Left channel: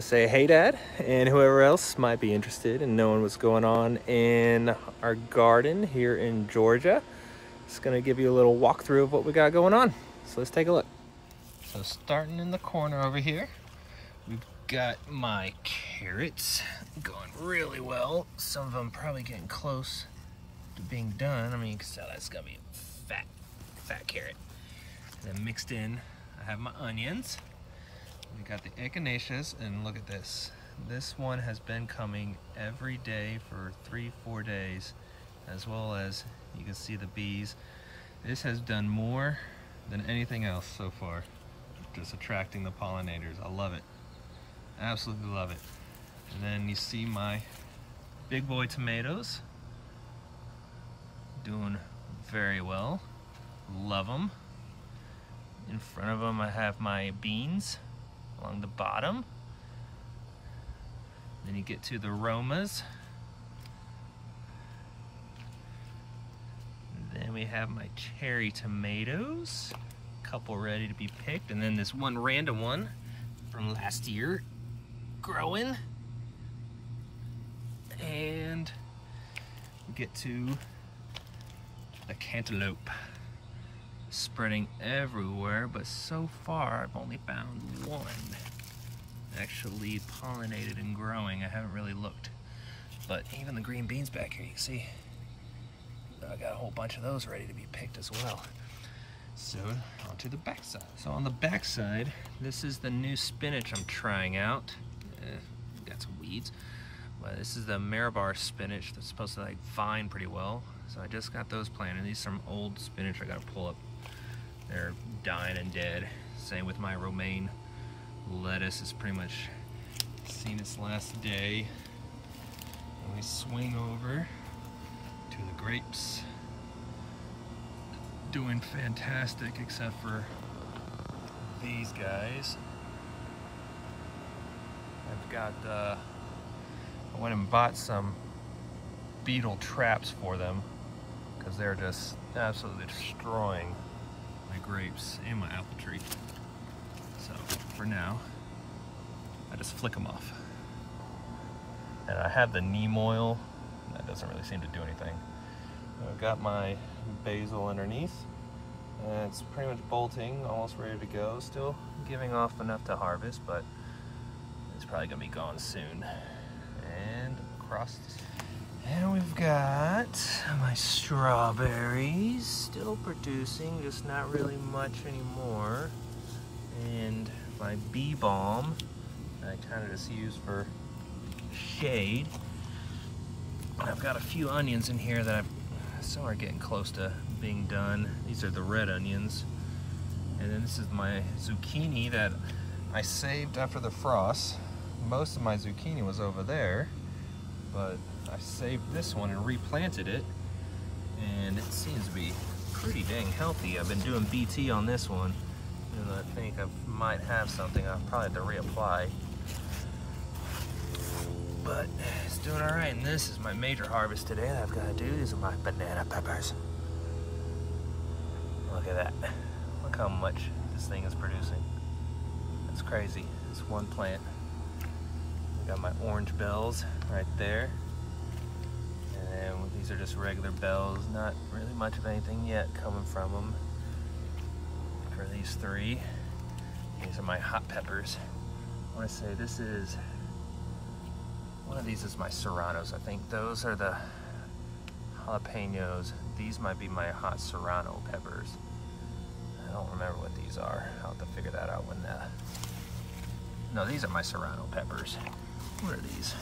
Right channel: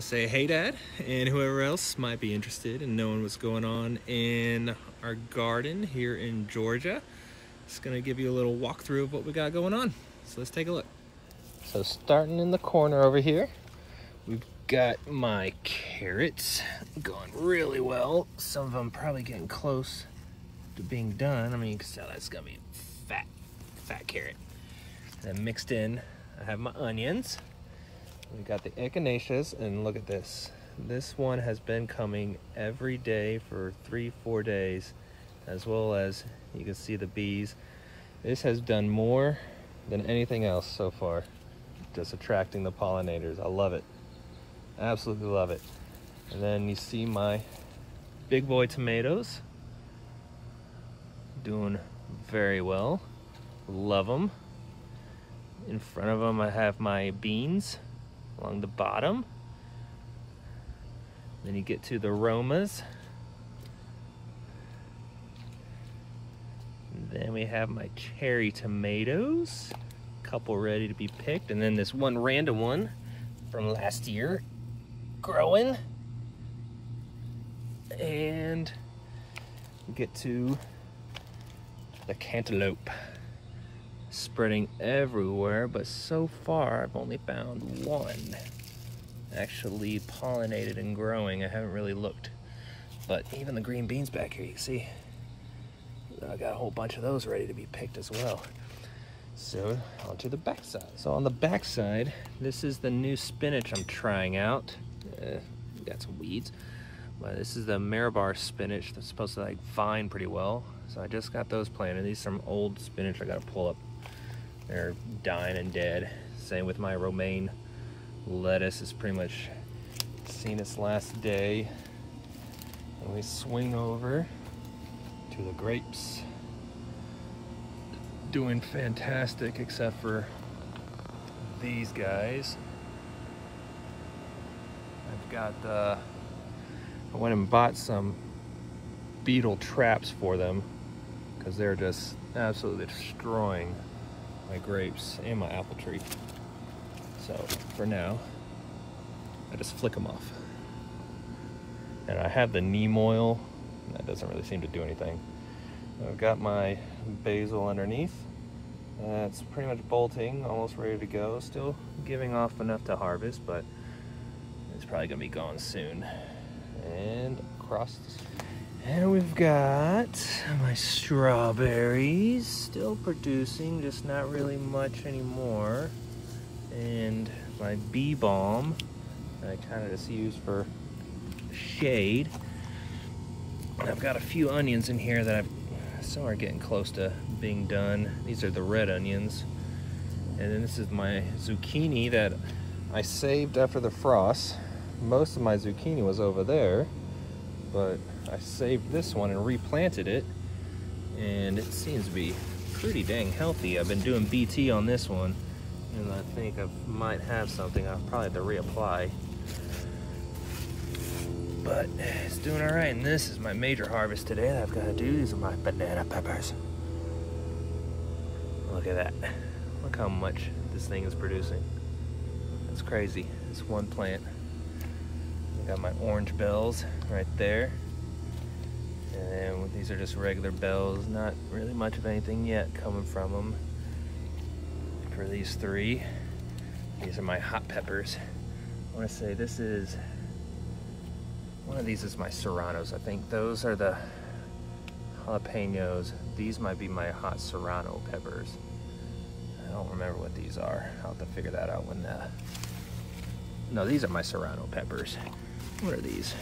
Say hey Dad, and whoever else might be interested in knowing what's going on in our garden here in Georgia. It's gonna give you a little walkthrough of what we got going on. So let's take a look. So starting in the corner over here, we've got my carrots going really well. Some of them probably getting close to being done. I mean, you can tell that's gonna be fat carrot. And mixed in, I have my onions. We got the echinaceas, and look at this. This one has been coming every day for 3-4 days, as well as you can see the bees. This has done more than anything else so far, just attracting the pollinators. I love it, absolutely love it. And then you see my big boy tomatoes doing very well, love them. In front of them I have my beans along the bottom. Then you get to the Romas. And then we have my cherry tomatoes, a couple ready to be picked, and then this one random one from last year growing. And we get to the cantaloupe, spreading everywhere, but so far I've only found one actually pollinated and growing. I haven't really looked, but even the green beans back here, you can see I got a whole bunch of those ready to be picked as well. So onto the back side. So on the back side, this is the new spinach I'm trying out. Got some weeds, but this is the Marabar spinach that's supposed to like vine pretty well. So I just got those planted. These are some old spinach I gotta pull up. They're dying and dead. Same with my romaine lettuce. It's pretty much seen its last day. And we swing over to the grapes. Doing fantastic, except for these guys. I've got I went and bought some beetle traps for them because they're just absolutely destroying my grapes and my apple tree. So for now, I just flick them off. And I have the neem oil. That doesn't really seem to do anything. I've got my basil underneath. It's pretty much bolting, almost ready to go. Still giving off enough to harvest, but it's probably gonna be going soon. And across and we've got my strawberries still producing, just not really much anymore. And my bee balm I kind of just use for shade. And I've got a few onions in here that some are getting close to being done. These are the red onions. And then this is my zucchini that I saved after the frost. Most of my zucchini was over there, but I saved this one and replanted it, and it seems to be pretty dang healthy. I've been doing BT on this one, and I think I might have something. I'll probably have to reapply, but it's doing all right. And this is my major harvest today that I've got to do. These are my banana peppers. Look at that. Look how much this thing is producing. It's crazy. It's one plant. Got my orange bells right there. And these are just regular bells, not really much of anything yet coming from them. For these three, these are my hot peppers. I want to say this is, one of these is my serranos. I think those are the jalapenos. These might be my hot serrano peppers. I don't remember what these are. I'll have to figure that out when no, these are my serrano peppers. What are these?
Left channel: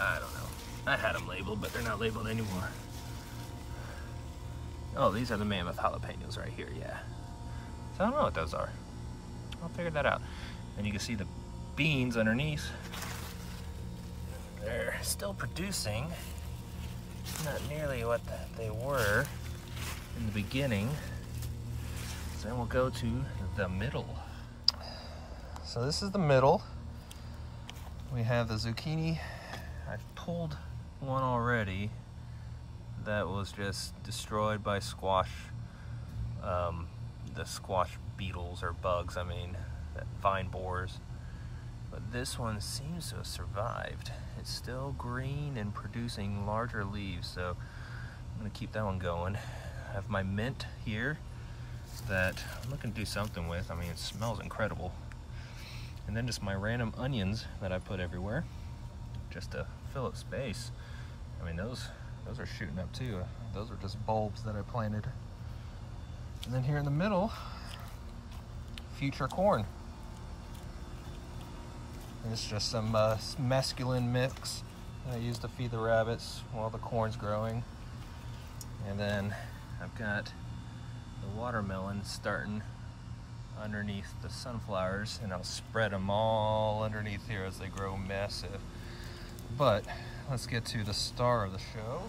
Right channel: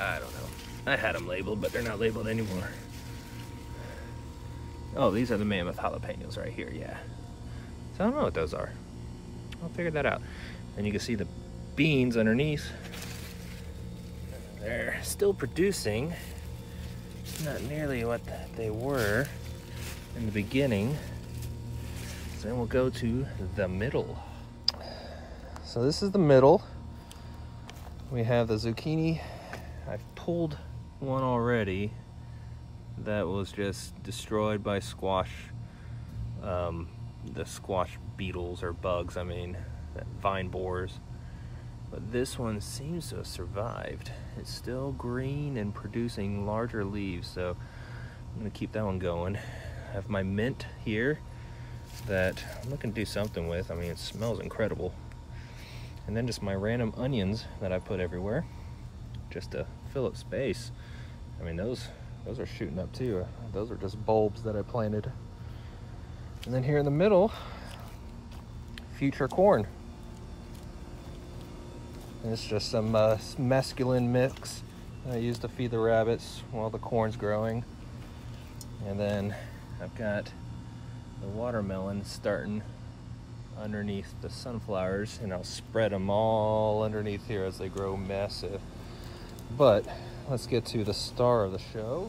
I don't know. I had them labeled, but they're not labeled anymore. Oh, these are the mammoth jalapenos right here, yeah. So I don't know what those are. I'll figure that out. And you can see the beans underneath. They're still producing. Not nearly what they were in the beginning. So we'll go to the middle. So this is the middle. We have the zucchini. I've pulled one already that was just destroyed by squash, the squash beetles or bugs, I mean. vine borers. But this one seems to have survived. It's still green and producing larger leaves, so I'm gonna keep that one going. I have my mint here that I'm looking to do something with. I mean, it smells incredible. And then just my random onions that I put everywhere, just to fill up space. I mean, those are shooting up too. Those are just bulbs that I planted. And then here in the middle, future corn. And it's just some mesclun mix that I use to feed the rabbits while the corn's growing. And then I've got the watermelon starting underneath the sunflowers, and I'll spread them all underneath here as they grow massive. But let's get to the star of the show,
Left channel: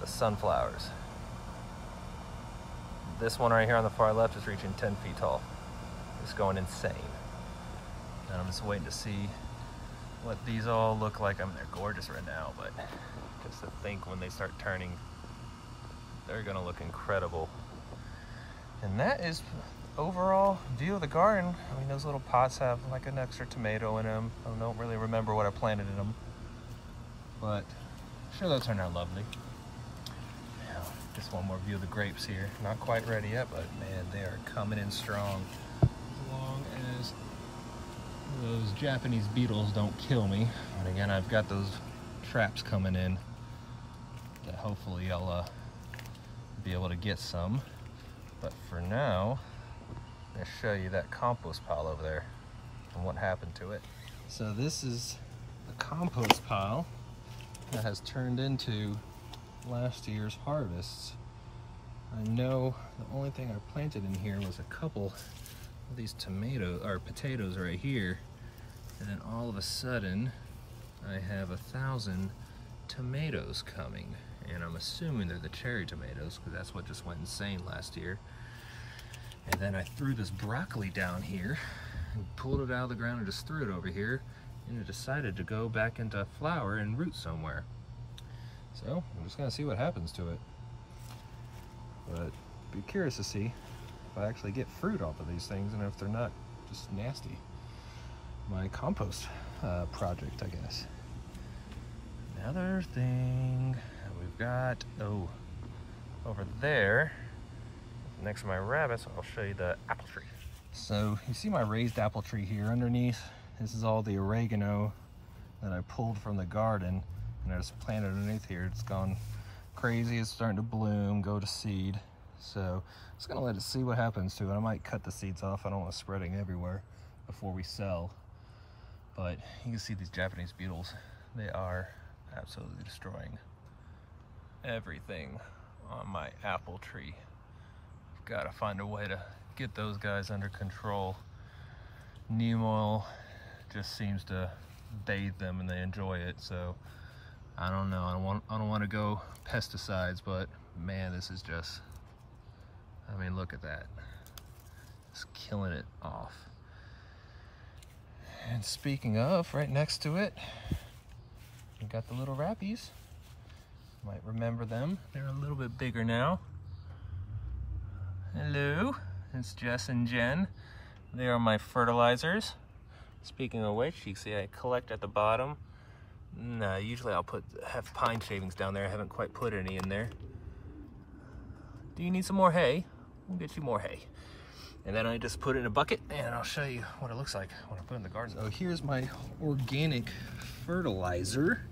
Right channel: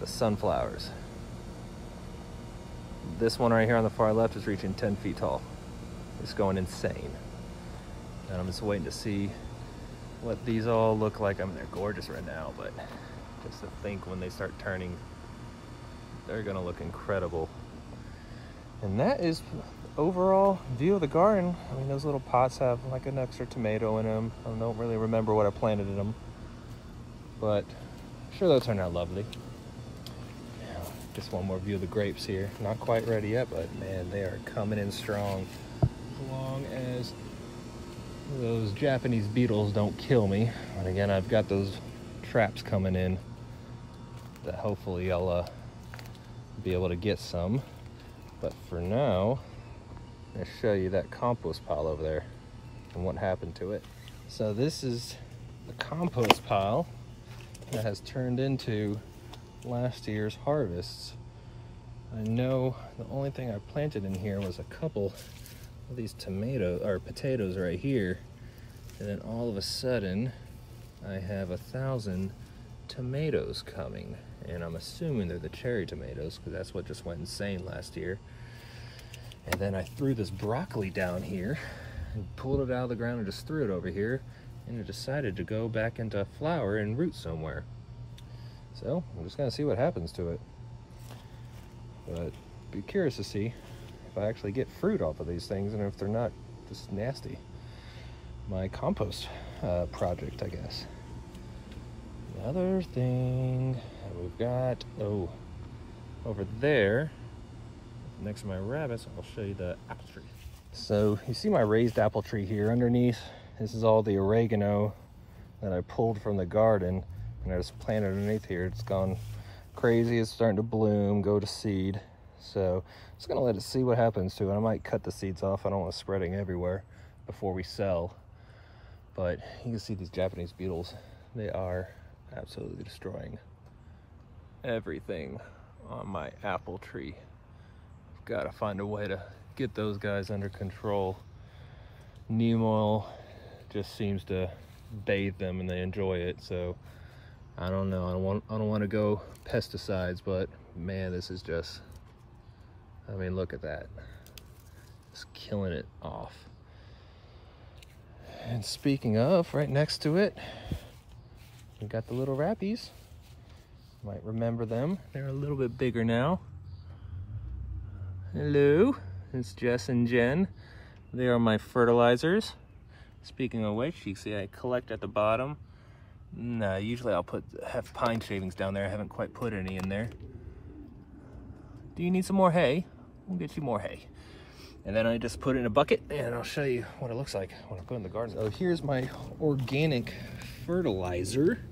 the sunflowers. This one right here on the far left is reaching 10 feet tall. It's going insane. And I'm just waiting to see what these all look like. I mean, they're gorgeous right now, but just to think when they start turning, they're gonna look incredible. And that is overall view of the garden. I mean, those little pots have like an extra tomato in them. I don't really remember what I planted in them, but I'm sure they'll turn out lovely. Just one more view of the grapes here. Not quite ready yet, but man, they are coming in strong. As long as those Japanese beetles don't kill me. And again, I've got those traps coming in that hopefully I'll be able to get some. But for now, I'll show you that compost pile over there and what happened to it. So this is the compost pile that has turned into last year's harvests. I know the only thing I planted in here was a couple of these potatoes right here. And then all of a sudden, I have 1,000 tomatoes coming. And I'm assuming they're the cherry tomatoes, because that's what just went insane last year. And then I threw this broccoli down here and pulled it out of the ground and just threw it over here, and it decided to go back into flower and root somewhere. So I'm just gonna see what happens to it. But be curious to see if I actually get fruit off of these things and if they're not just nasty. My compost project, I guess. The other thing we've got, over there, next to my rabbits, I'll show you the apple tree. So you see my raised apple tree here underneath. This is all the oregano that I pulled from the garden, and I just planted underneath here. It's gone crazy. It's starting to bloom, go to seed. So I'm just gonna let it see what happens to it. I might cut the seeds off. I don't want it spreading everywhere before we sell. But you can see these Japanese beetles. They are absolutely destroying everything on my apple tree. I've got to find a way to get those guys under control. Neem oil just seems to bathe them and they enjoy it, so I don't know. I don't want to go pesticides, but man, this is just, I mean, look at that. It's killing it off. And speaking of, right next to it, we got the little rappies. Might remember them. They're a little bit bigger now. Hello, it's Jess and Jen. They are my fertilizers. Speaking of which, you can see I collect at the bottom. Usually I'll have pine shavings down there. I haven't quite put any in there. Do you need some more hay? We'll get you more hay. And then I just put it in a bucket, and I'll show you what it looks like when I put it in the garden. So here's my organic fertilizer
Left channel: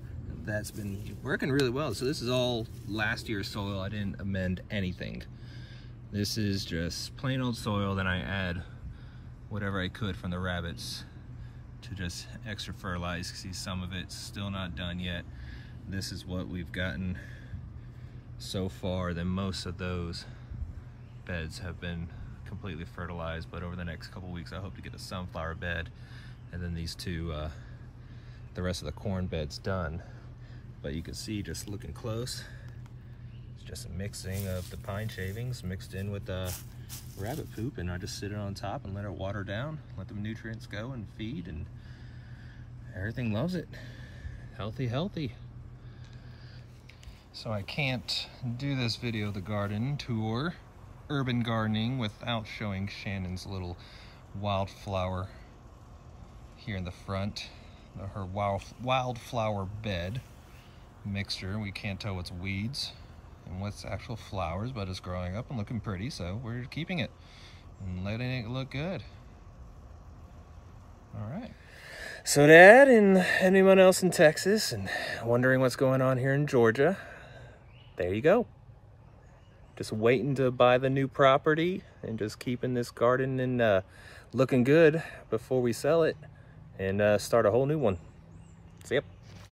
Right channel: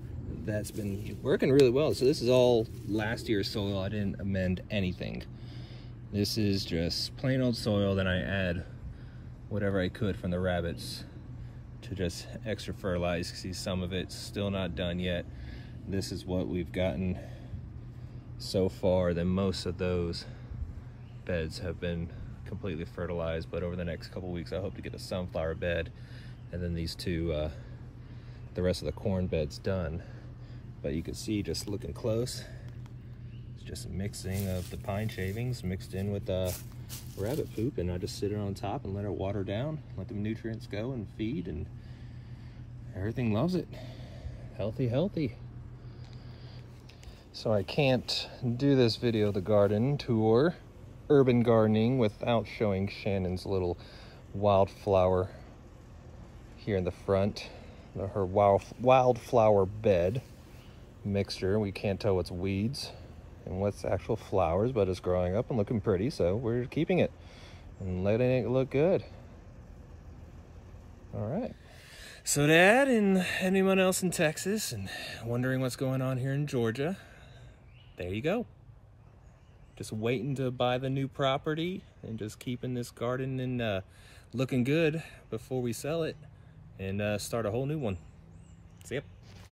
that's been working really well. So this is all last year's soil. I didn't amend anything. This is just plain old soil. Then I add whatever I could from the rabbits to just extra fertilize. See, some of it's still not done yet. This is what we've gotten so far. Then most of those beds have been completely fertilized, but over the next couple weeks I hope to get a sunflower bed, and then these two, the rest of the corn beds done. But you can see, just looking close, it's just a mixing of the pine shavings mixed in with the rabbit poop, and I just sit it on top and let it water down, let the nutrients go and feed, and everything loves it. Healthy, healthy. So I can't do this video of the garden tour, urban gardening, without showing Shannon's little wildflower here in the front. Her wildflower bed mixture. We can't tell what's weeds and what's actual flowers, but it's growing up and looking pretty, so we're keeping it and letting it look good. All right. So Dad and anyone else in Texas and wondering what's going on here in Georgia, there you go. Just waiting to buy the new property and just keeping this garden and looking good before we sell it and start a whole new one. See ya.